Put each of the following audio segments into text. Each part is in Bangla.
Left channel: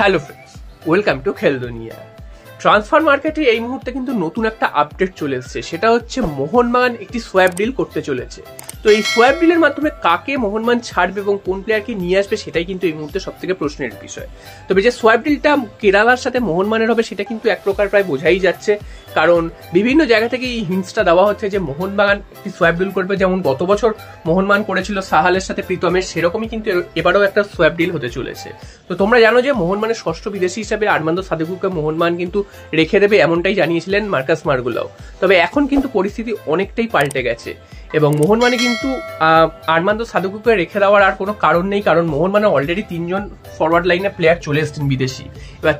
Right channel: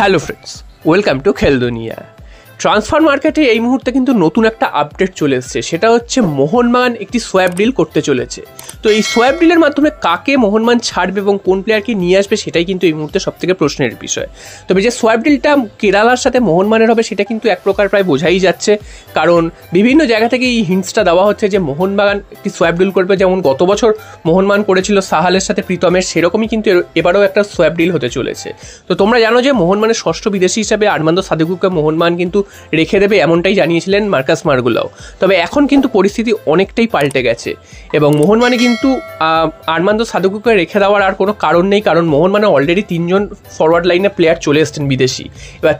হ্যালো ফ্রেন্ডস, ওয়েলকাম টু খেল দুনিয়া। ট্রান্সফার মার্কেটে এই মুহূর্তে কিন্তু নতুন একটা আপডেট চলে এসছে, সেটা হচ্ছে মোহনবাগান একটি সোয়াপ ডিল করতে চলেছে। তো এই সোয়াপ ডিলের মাধ্যমে কাকে মোহনবাগান ছাড়বে এবং কোন প্লেয়ারকে নিয়ে আসবে সেটাই কিন্তু এই মুহূর্তে সবথেকে প্রশ্নের বিষয়। তবে যে সোয়াপ ডিলটা কেরালার সাথে মোহনবাগানের হবে সেটা কিন্তু এক প্রকার প্রায় বোঝাই যাচ্ছে, কারণ বিভিন্ন জায়গা থেকে এই হিন্টসটা দেওয়া হচ্ছে যে মোহনবাগান একটি সোয়াপ ডিল করবে। যেমন গত বছর মোহনবাগান করেছিল সাহালের সাথে প্রীতমের, সেরকমই কিন্তু এবারও একটা সোয়াপ ডিল হতে চলেছে। তো তোমরা জানো যে মোহনবাগানের ষষ্ঠ বিদেশি হিসাবে আরমান্দো সাদিকুকে মোহনবাগান কিন্তু রেখে দেবে, এমনটাই জানিয়েছিলেন মার্কাস মার্গুলাও। তবে এখন কিন্তু পরিস্থিতি অনেকটাই পাল্টে গেছে এবং মোহনবাগানে কিন্তু আরমান্দো সাদিকুকে রেখে দেওয়ার আর কোনো কারণ নেই, কারণ মোহনবাগানে অলরেডি 3জন ফরওয়ার্ড লাইনে প্লেয়ার চলে এসছেন বিদেশি। এবার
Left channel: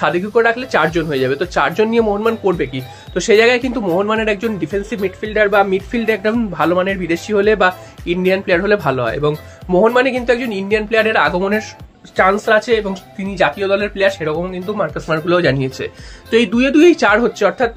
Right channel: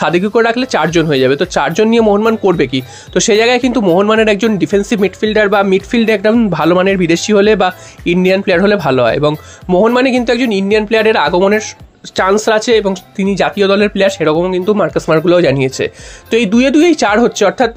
সাদিকুকে রাখলে 4জন হয়ে যাবে, তো 4জন নিয়ে মোহনবাগান করবে কি? তো সেই জায়গায় কিন্তু মোহনবাগানের একজন ডিফেন্সিভ মিডফিল্ডার বা মিডফিল্ডে একদম ভালো মানের বিদেশি হলে বা ইন্ডিয়ান প্লেয়ার হলে ভালো হয়, এবং মোহনবাগানে কিন্তু একজন ইন্ডিয়ান প্লেয়ারের আগমনের চান্স আছে এবং তিনি জাতীয় দলের প্লেয়ার, সেরকমও কিন্তু মার্কাস মার্গুলাও জানিয়েছে। তো এই দুয়েই 4 হচ্ছে, অর্থাৎ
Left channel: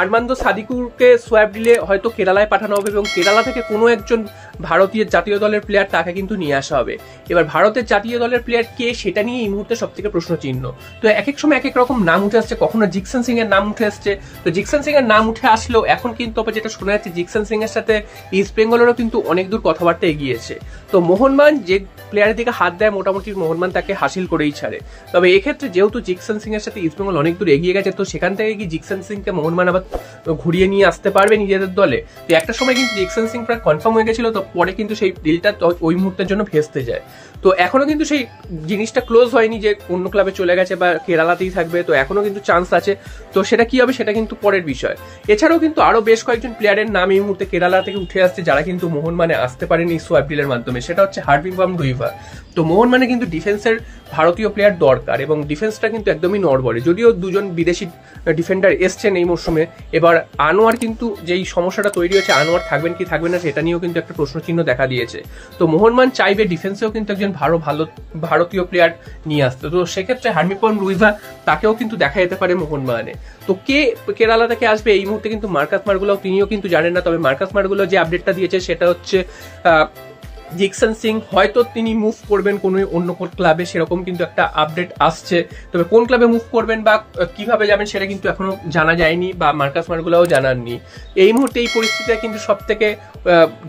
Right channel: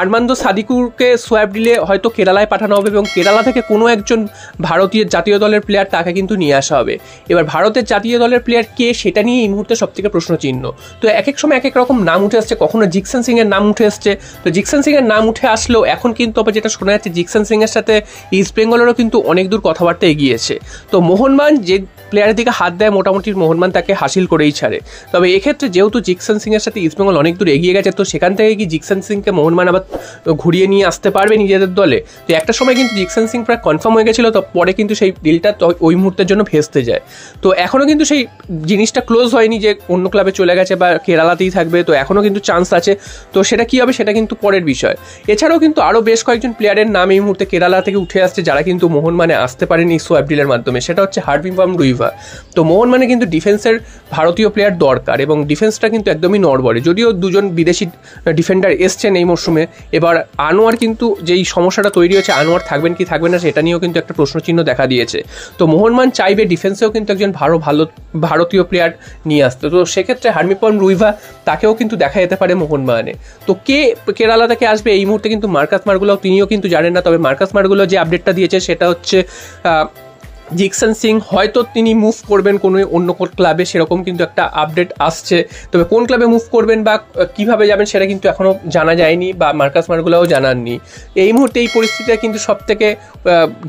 আরমান্দো সাদিকুকে সোয়াপ ডিলে হয়তো কেরালায় পাঠানো হবে এবং কেরালা থেকে কোনো একজন ভারতীয় জাতীয় দলের প্লেয়ার তাকে কিন্তু নিয়ে আসা হবে। এবার ভারতের জাতীয় দলের প্লেয়ার কে সেটা নিয়ে এই মুহূর্তে সবথেকে প্রশ্নচিহ্ন। তো এক এক সময় এক এক রকম নাম উঠে আসছে, কখনো জিকসন সিং এর নাম উঠে আসছে। তো জিকসন সিং এর নাম উঠে আসলেও এখন কিন্তু আবার যেটা শোনা যাচ্ছে, জিকসন সিং এর সাথে ইস্ট বেঙ্গলেরও কিন্তু অনেক দূর কথাবার্তা এগিয়েছে। তো মোহনবাগান যে প্লেয়ারের দিকে হাত দেয় মোটামুটি মোহনবাগান তাকে হাসিল করেই ছাড়ে। তবে এক্ষেত্রে যেহেতু জিকসন সিং এর সাথে ইস্টবেঙ্গল অনেক দূর এগিয়ে গেছে, তো সেখান থেকে কি জিকসন সিংকে মোহনবাগান আবার ঘুরিয়ে নিয়ে আসতে পারবে নিজেদের দলে? তো একটা সময় কিন্তু জিকসন সিং প্রায় কনফার্ম হয়ে গেছিল, তো পরে কিন্তু সেই ডিলটা ওই মুহূর্তের জন্য ভেস্তে যায়। তো এখনও কিন্তু সেই জিনিসটা ক্লোজ হয়নি যে অন্য ক্লাবে চলে গেছে বা কেরালাতেই থাকবে, তো এখনও কিন্তু চান্স আছে। তো সেটা কি হবে সেটা কিন্তু পরের বিষয়। এছাড়াও কিন্তু আরও বেশ কয়েকজন প্লেয়ারের নাম এই মুহূর্তে কেরালা থেকে উঠে আসছে যারা কিন্তু মোহনবাগানে আসতে পারেনি এই সোয়াপ ডিলের মাধ্যমে। সেটা হচ্ছে হার্ভিং রুইভা। তো মোহনবাগানে কিন্তু ডিফেন্সের ভারতীয় প্লেয়ার দরকার এবং ডিফেন্সটা কিন্তু একদমই নড়বড়ে, যদিও 2জন বিদেশি ডিফেন্ডার এসছেন এই মরশুমে। এবার আনোয়ার কিন্তু যেই সমস্যাটা তৈরি হয়েছে, আনোয়ার থাকবেন কি থাকবেন না সেটা নিয়েও কিন্তু একটা প্রশ্নচিহ্ন দেখা দিয়েছে। তো মোহনবাগান চাইবে ডিফেন্সেও কিন্তু একজন ভালো ভারতীয় প্লেয়ার নিয়ে আসতে। তো সেক্ষেত্রে হার্ভিং রুইভা তাকেও কিন্তু দেখা যেতে পারে মোহনবাগানে। তো কে কেরালা থেকে আসবে এই মুহূর্তে কিন্তু মার্কাস মার্গুলাও তিনিও কিন্তু জানেন না। তবে মার্কাস মার্গুলাও যে আপডেটটা দিয়েছে সেটা হচ্ছে জিকসন সিং হয়তো তিনি মুভ করবেন কোনো অন্য কোন ক্লাবে, সেরকম কিন্তু একটা আপডেট আসছে। তবে কোন ক্লাবে মুভ করবেন বা কিভাবে যাবেন সেটা কিন্তু এখনও জানা যায়নি বা মার্কাস মার্গুলাও জানাননি। এই মুহূর্তে এই পরিস্থিতিটা কিন্তু সব থেকে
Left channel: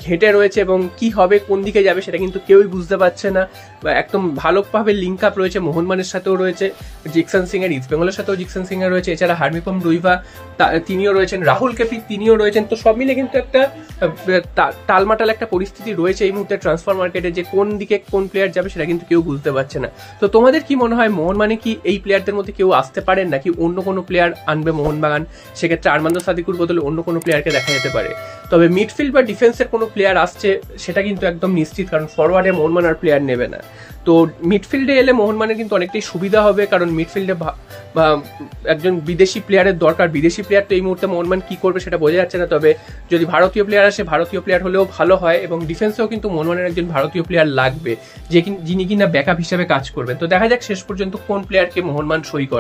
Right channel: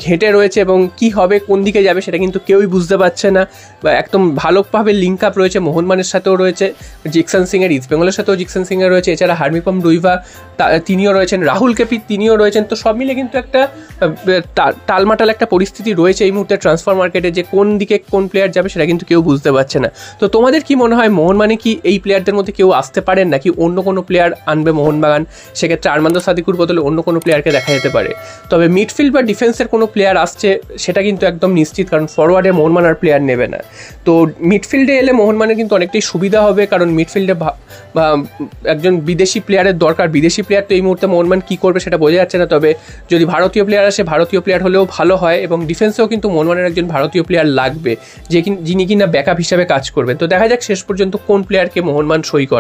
ঘেঁটে রয়েছে এবং কি হবে কোন দিকে যাবে সেটা কিন্তু কেউই বুঝতে পারছে না। বা একদম ভালোভাবে লিঙ্ক আপ রয়েছে, মোহনবাগানের সাথেও রয়েছে জিকসন সিং এর, ইস্ট বেঙ্গলের সাথেও জিকসন সিং এর রয়েছে, এছাড়া হার্ভিং রুইভা তিনিও রয়েছেন, রাহুল কেপি তিনিও রয়েছেন। তো সব মিলে কিন্তু একটা টালমাটাল একটা পরিস্থিতি রয়েছে এই মুহূর্তে ট্রান্সফার মার্কেটে, যে কোন দিকে কোন প্লেয়ার যাবে সেটা কিন্তু কেউ বুঝতে পারছে না। তো তোমাদের কি মনে হয়, মোহনবাগানে কি এই প্লেয়ারদের মধ্যে কেউ আসতে পারেন নাকি অন্য কোনো প্লেয়ার আনবে মোহনবাগান? সেক্ষেত্রে আরমান্দো সাদিকুর বদলে অন্য কোনো প্লেয়ারকে দেখা যেতে পারে। তবে মিডফিল্ড বা ডিফেন্সের কোনো প্লেয়ার আসছে সেটা কিন্তু একদম নিশ্চিত, কারণ ফরওয়ার্ডে মোহনবাগান আর প্লেয়ার নেবে না। তো মিডফিল্ডে এলে মোহনবাগানের কিন্তু অনেকটাই সুবিধা হবে, কারণ মিডফিল্ডে বা একজন বিদেশি প্লেয়ারের দরকার। বিদেশি প্লেয়ার তো এই মুহূর্তে মোহনবাগান কী করবে সেটা বোঝা যাচ্ছে না। তবে যদি ভারতীয় প্লেয়ার আসে, ভারতীয় প্লেয়ার হলেও ভালো হয় এবং ডিফেন্সেও কিন্তু মোহনবাগানের একজন ভারতীয় প্লেয়ার লাগবে যিনি কিনা ব্যাকআপ হিসাবে কাজ করবে। তো দেখা যাক শেষ পর্যন্ত কোন প্লেয়ারকে মোহনবাগান সই করে।